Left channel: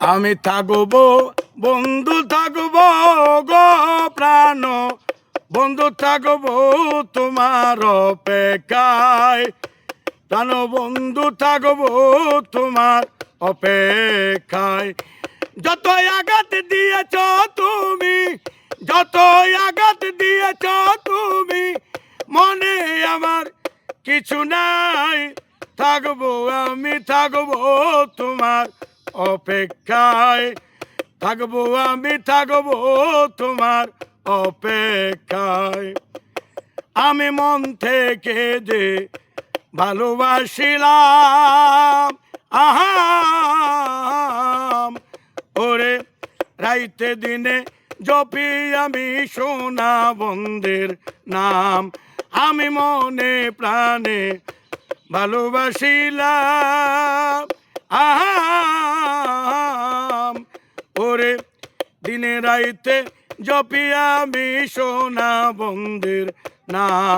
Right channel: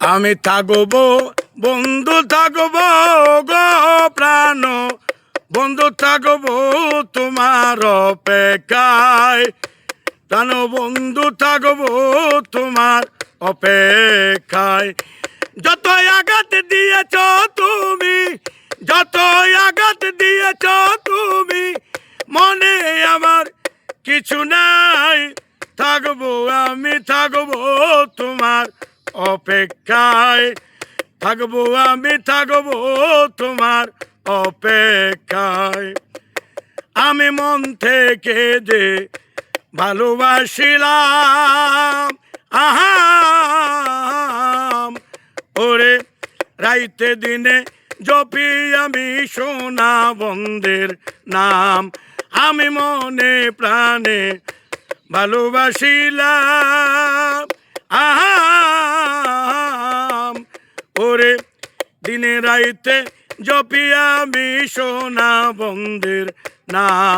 আমি থাকবো বন্ধু থাকবো গো প্রাণ বন্ধু থাকবো তোমার অপেক্ষায় প্রাণ বন্ধু থাকবো তোমার অপেক্ষায় যতই আঘাত দিয়েছ তুমি যতই আঘাত দিয়েছ তুমি মনে আমার কিছু নাই থাকবো আমি থাকবো তোমার অপেক্ষায় থাকবো আমি থাকবো তোমার অপেক্ষায় আমি মন থেকে যে ভালোবাসিলাম আহা ওরে রাইতে দিনে জপি আমি সোনা বন্ধের নাম আমি মনে প্রাণে ভালোবাসিলাম আহা ওরে দিনে রাইতে জপি আমি সোনা বন্ধের নাম